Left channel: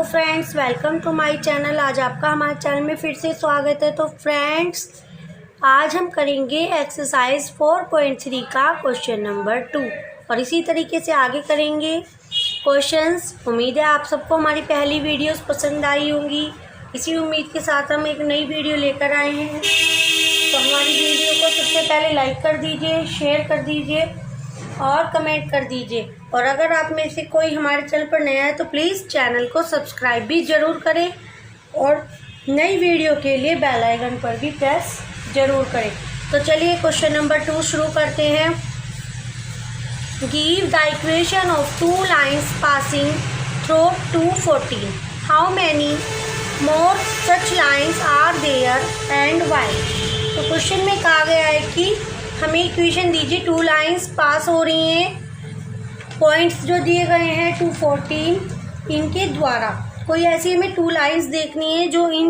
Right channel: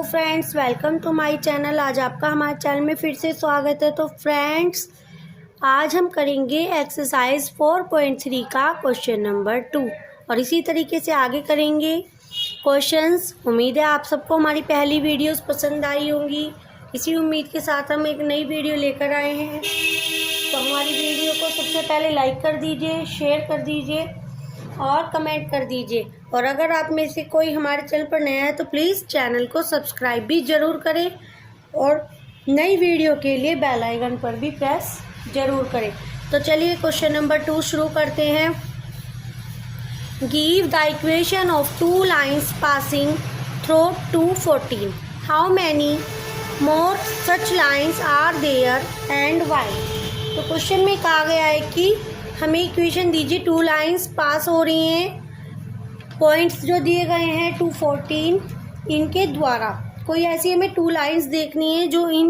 Hello friends, welcome to my channel. आज आपका हमारे चैनल में फिर से स्वागत है। तो फ्रेंड्स, आज हम करेंगे एक्सरसाइज 4.3 का क्वेश्चन नंबर 2 और इसी तरीके से आगे करेंगे क्वेश्चंस। उम्मीद है आप सबको हमारी पहली वीडियोस पसंद आई होंगी। इसी उम्मीद के साथ हम एक नई वीडियो लेकर आए हैं। तो हमारी वीडियो को सबसे पहले लाइक कर दीजिए, शेयर कर दीजिए और कमेंट कर दीजिए। और अगर आप में से कोई हमारे चैनल पर नया है तो प्लीज़ चैनल को सब्सक्राइब भी ज़रूर करें और नई वीडियो के लिए बेल आइकन पर भी प्रेस ज़रूर करें। तो चलिए क्वेश्चन नंबर 2 शुरू करते हैं। Give the equation of two lines passing through 214। How many more such lines are there and why. तो क्वेश्चन में कहा गया है कि हमें इक्वेशन दीजिए, टू लाइंस पास हो रही हैं, पॉइंट्स जो दिए गए हैं 214, इनके द्वारा कोई ऐसी हमें टू लाइंस देखनी है जो इन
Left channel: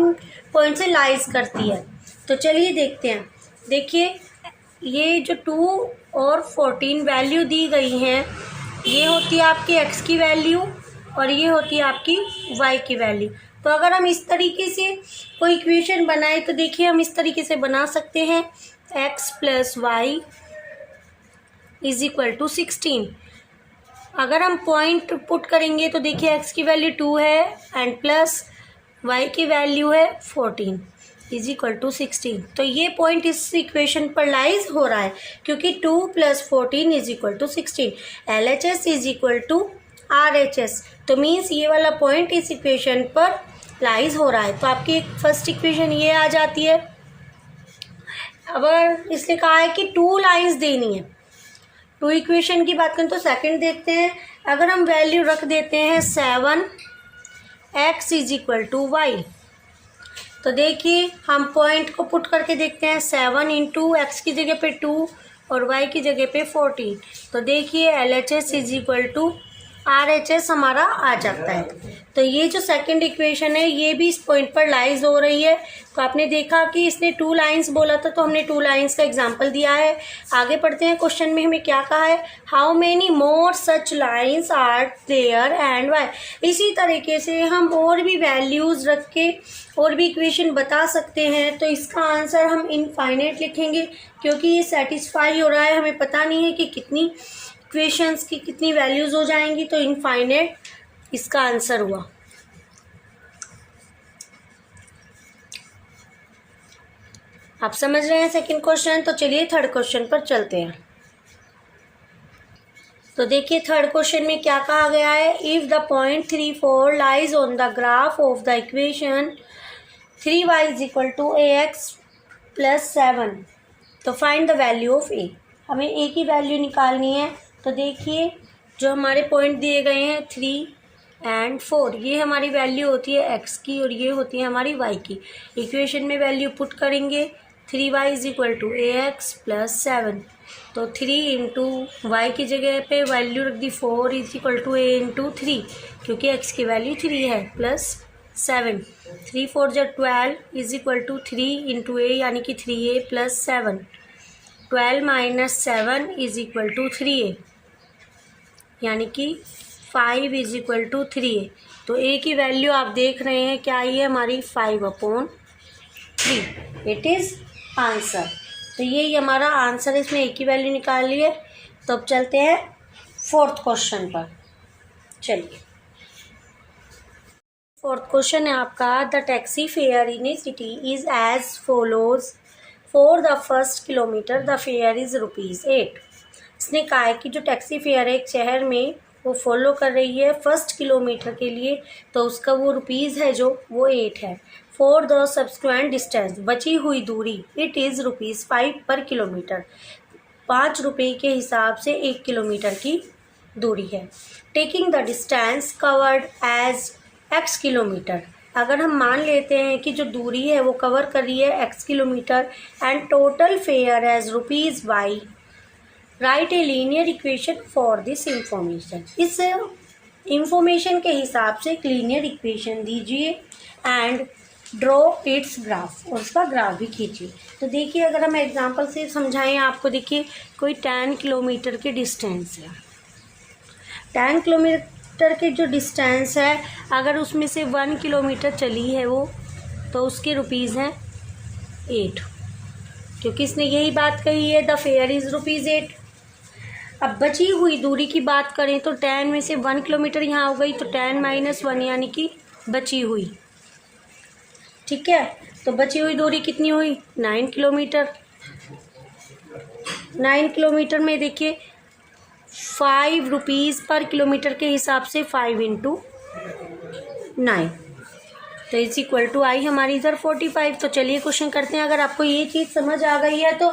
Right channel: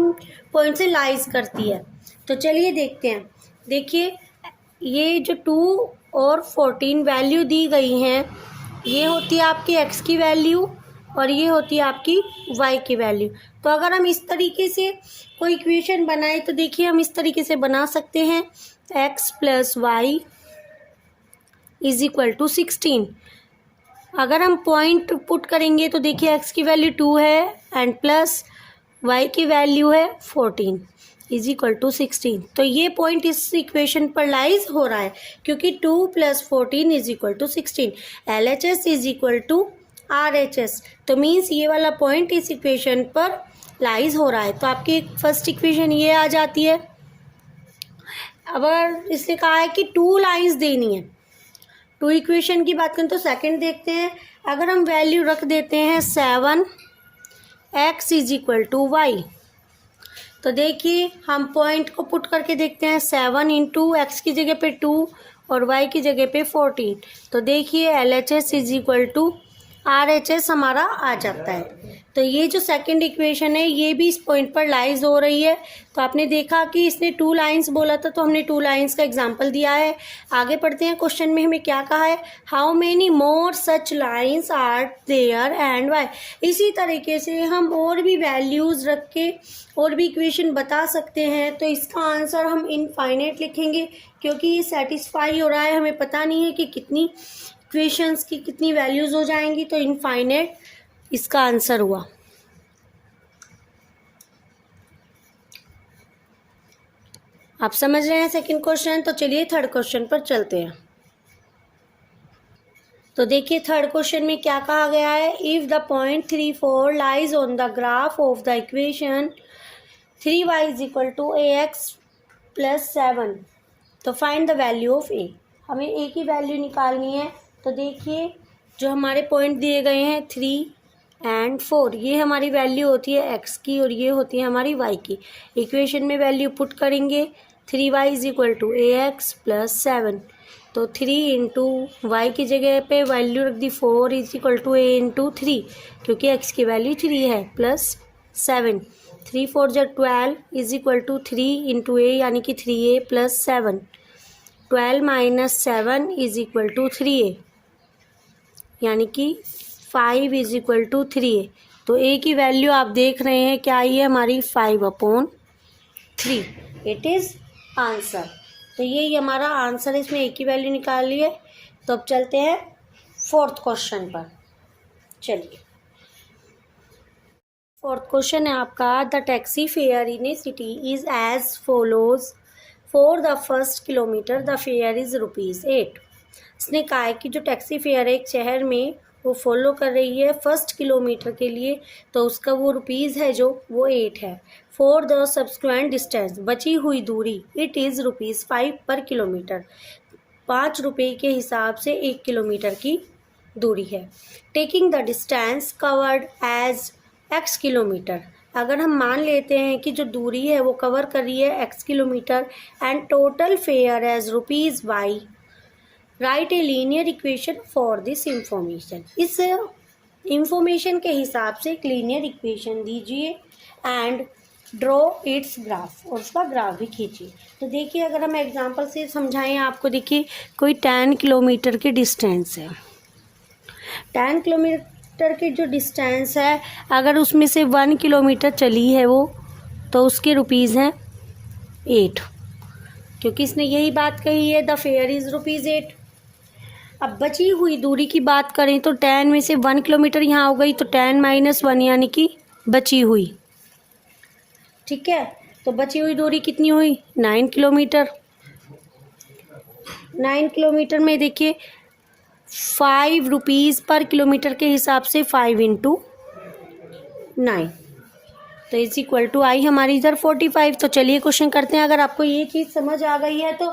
पॉइंट से लाइज करती है। तो चलिए देखते हैं। देखिए, ये जो 2 और 14 वैल्यू दी गई हैं, ये होती है आपकी x की वैल्यू और ये होती है आपकी y की वैल्यू। तो अगर हम इस तरीके से कोई इक्वेशन बनाए तो देखिए हम इस तरीके से बना सकते हैं, x plus Y is equal to 16। अगर हम पॉइंट पुट करेंगे तो देखिए x की वैल्यू 2 है एंड प्लस y की वैल्यू है 14 इज इक्वल टू 16। तो ये पॉइंट इस इक्वेशन पर लाइज हो रहा है क्योंकि 2 plus 14 is equal to 16। LHS is equal to RHS। तो मीन्स ये वाला पॉइंट इस इक्वेशन पर लाइज हो रहा है। तो आपकी फर्स्ट इक्वेशन ये आ जाती है। अगर इसने कहा है कि टू लाइंस देनी है, टू इक्वेशन की बात करें तो सेकंड देखते हैं। अगर हम वैल्यू रख देते हैं 7x is equal to Y, तो देखिए हम पॉइंट को पुट करके देखते हैं। 7 इंटू एक्स की जगह पे 2 और y की जगह पे 14। तो देखिए LHS is equal to RHS हमारा आ जाता है। तो ये जो सेकंड इक्वेशन है ये भी इस पॉइंट पर लाइज हो रही है। तो आपने देखा कि इसने टू लाइंस बोला था तो हमने टू लाइंस का एग्जांपल दिया है। आगे पढ़ते हैं। क्वेश्चन में हमें क्या कहा है, how many more such lines are there and why. इसी तरीके से हम और भी वैल्यूज़ रख के और भी इक्वेशन बता सकते हैं। तो इसका आंसर हम इनफाइनाइट लिखेंगे क्योंकि ये सेटिस्फाई हो रहा है। हमें पता नहीं है कि कितनी इक्वेशंस की कितनी वैल्यूज़ हो जाएंगी, तो इनफाइनाइट इसका आंसर हुआ। आप समझ रहे हैं सेकंड क्वेश्चन। तो चलिए थर्ड क्वेश्चन पर चलते हैं। तो देखिए थर्ड क्वेश्चन में क्या कहा गया है, if the point 3, 4 lies on the graph of the equation 3y is equal to ax plus 7, तो find the value of a। हमें a की वैल्यू निकालनी है। तो देखिए जो हमारे पॉइंट दिए गए हैं 3 एंड 4, ये हमारी वैल्यू होती है x की और ये होती है हमारी y की। इक्वेशन में वैल्यू पुट करेंगे, 3y is equal to ax plus 7। तो 3 इंटू वाई की जगह पे वैल्यू रख दी 4 is equal to a into 3 क्योंकि x की वैल्यू 3 है प्लस 7। 3 4 जो 12 is equal to 3 into a यानी कि 3a plus 7। 12 minus 7 is equal to 3a यानी कि 5 इज इक्वल टू 3a। तो a की वैल्यू आप देख रहे हैं क्या आई है हमारी 5/3। It is answer. तो यही हमारा आंसर है। इसमें a की वैल्यू निकाल ली है। तो अब चलते हैं फोर्थ क्वेश्चन पर। चलिए फोर्थ क्वेश्चन है आपका, the taxi fare in a city is as follows. For the first kilometre the fare is ₹8। इसने कहा है कि जो टैक्सी फेयर है एक शहर में वो फॉलो कर रही है फर्स्ट किलोमीटर के लिए, तो उसका वो रुपीज़ है जो वो 8 है। फॉर द सब्सिक्वेंट डिस्टेंस, बची हुई दूरी, इट इज़ ₹5 पर किलोमीटर। 5 रुपये के हिसाब से 1 किलोमीटर की दूरी है। Taking the distance covered as x kilometre, अगर हम मान लेते हैं कि जो दूरी है वो कवर कर रही है x kilometre and total fare as ₹y, right a linear equation for this information. इस इंफॉर्मेशन के हिसाब से एक लीनियर इक्वेशन दीजिए एंड ड्रॉ इट्स ग्राफ, और उसका ग्राफ भी खींचिए। तो देखिए अगर हम एग्जांपल से समझाएं आपको, देखिए कोई 10 किलोमीटर की डिस्टेंस है। 10 किलोमीटर के जो डिस्टेंस है, अगर उसमें से 1 किलोमीटर चली है वो, तो उसके रुपीज़ हैं 8, क्योंकि इसने यही बात कही है, द फेयर इज़ ₹8। अब बची हुई दूरी की बात करें तो 10 में से 1 किलोमीटर यहाँ हो गई, तो 10 - 1 यानी कि बची हुई। ठीक है, तो बची हुई दूरी कितनी हुई? 9 किलोमीटर। 9 किलोमीटर में देखिए ₹5 पर किलोमीटर के हिसाब से 5 × 9, तो इज इक्वल टू आई हमारी इधर 45। तो चलिए क्वेश्चन करते हैं। अगर आपको ये चीज़ समझ आ गई है तो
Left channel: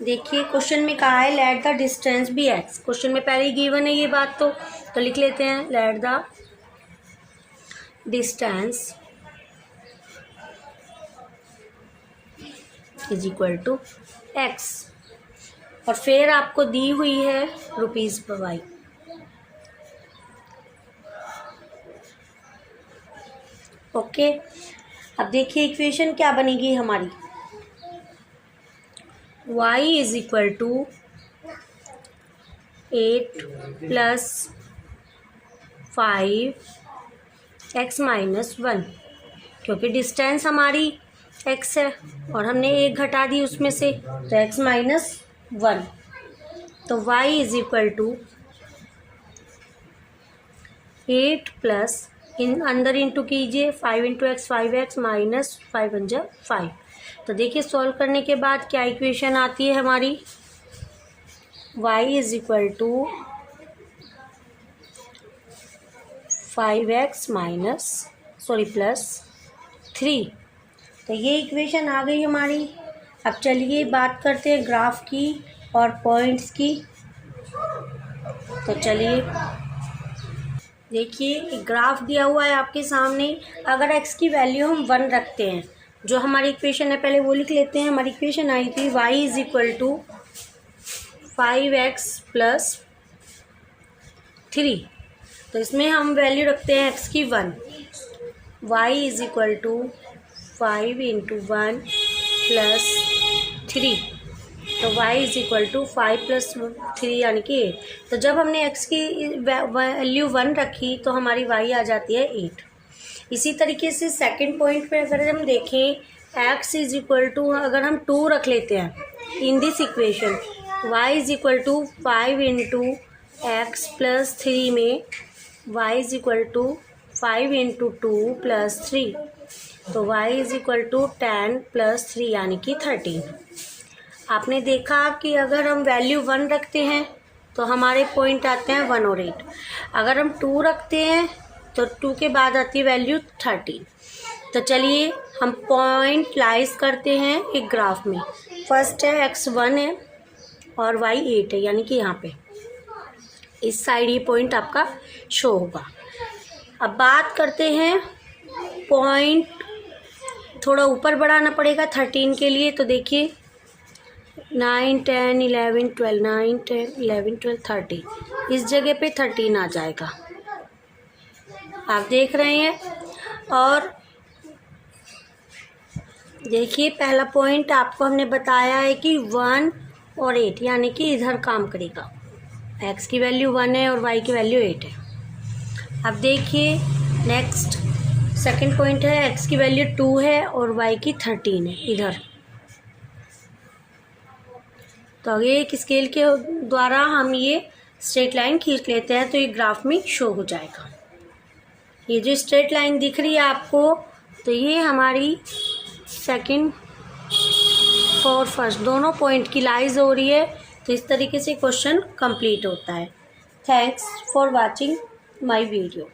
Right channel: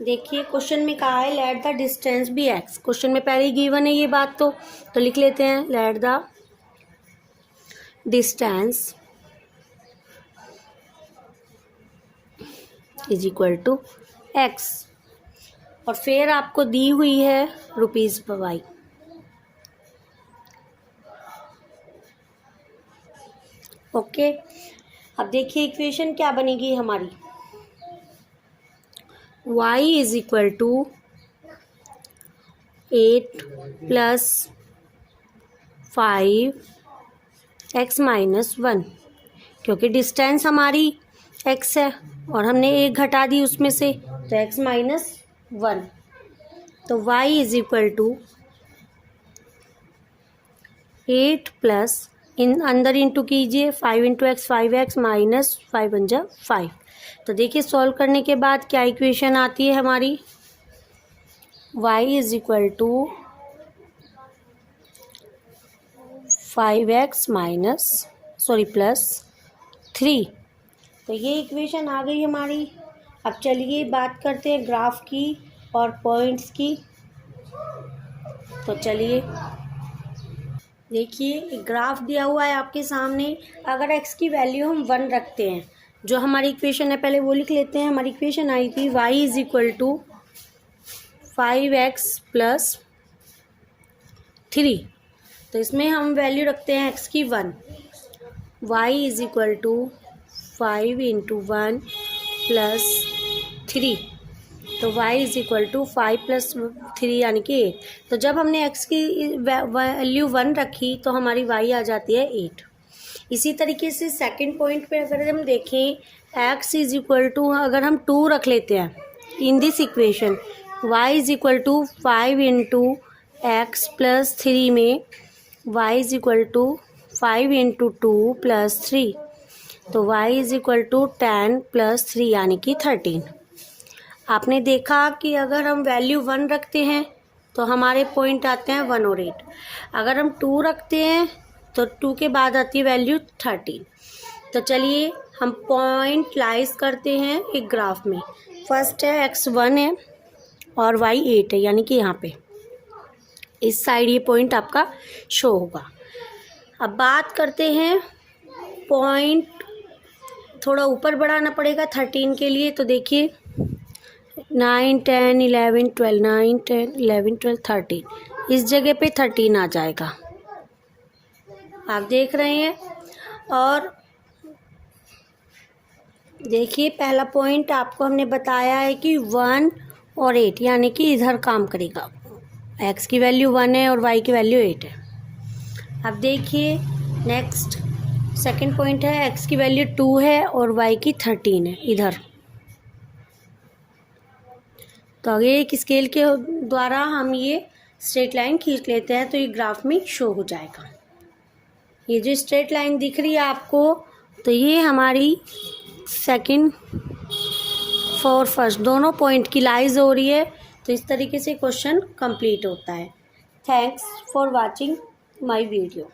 देखिए क्वेश्चन में कहा है let the distance be x। Question में पहले ही गिवन है ये बात, तो लिख लेते हैं let the distance is equal to x, और फिर आपको दी हुई है ₹y। ओके, अब देखिए इक्वेशन क्या बनेगी हमारी। y is equal to 8 + 5 x - 1, क्योंकि डिस्टेंस हमारी x है और हमने 1 घटा दी उसमें से, तो x - 1, तो y is equal to 8 plus अंदर इंटू कीजिए 5 × x 5x - 5 × 5। तो देखिए सॉल्व करने के बाद क्या इक्वेशन आती है हमारी, y is equal to 5x plus 3। तो ये इक्वेशन आ गई हमारी। अब चलिए बात करते हैं ग्राफ की और पॉइंट्स की। तो चलिए देखिए एक ग्राफ दिया हुआ है आपके सामने। अगर x की वैल्यू हम 1 रखते हैं, जो हमारी इक्वेशन है पहले वो लिख लेते हैं। हमारी इक्वेशन आई थी y is equal to 5x plus 3, तो इसमें हम वैल्यू रखते हैं x की 1। y is equal to 5 × 1 plus 3, तो y इज इक्वल टू 5 + 3 यानी कि 8। तो जब हमने x की वैल्यू 1 रखी तो हमारी y आ जाती है 8। इसी तरीके से सेकंड पॉइंट पे अगर हम देखें, x इज इक्वल टू अगर हम 2 रख लेते हैं in this equation, y is equal to 5 × x plus 3 में y is equal to 5 × 2 plus 3, तो y इज इक्वल टू 10 + 3 यानी कि 13। आपने देखा कि अगर हम वैल्यू 1 रखते हैं तो हमारे पॉइंट आते हैं 1 और 8। अगर हम 2 रखते हैं तो 2 के बाद आती है वैल्यू 13। तो चलिए हम पॉइंट लाइज करते हैं एक ग्राफ में। फर्स्ट है x 1 है और y 8 है, यानी कि यहाँ पे इस साइड ये पॉइंट आपका शो होगा। अब बात करते हैं पॉइंट, थोड़ा ऊपर बढ़ाना पड़ेगा 13 के लिए। तो देखिए 9 10 11 12 9 10 11 12 13, इस जगह पे 13 आ जाएगा, आप देख रहे हैं। और देखिए पहला पॉइंट आपको हमने बताया है कि 1 और 8 यानी कि इधर काम करेगा। x की वैल्यू 1 है और y की वैल्यू 8 है। अब देखिए नेक्स्ट सेकंड पॉइंट है, x की वैल्यू 2 है और y की 13 है इधर। तो आगे एक स्केल के द्वारा हम ये स्ट्रेट लाइन खींच लेते हैं तो ये ग्राफ में शो हो जाएगा। ये जो स्ट्रेट लाइन दिख रही है आपको, तो ये हमारी सेकंड और फर्स्ट दोनों पॉइंट की लाइज हो रही है। तो इस तरीके से क्वेश्चन कंप्लीट होता है। Thanks for watching my video.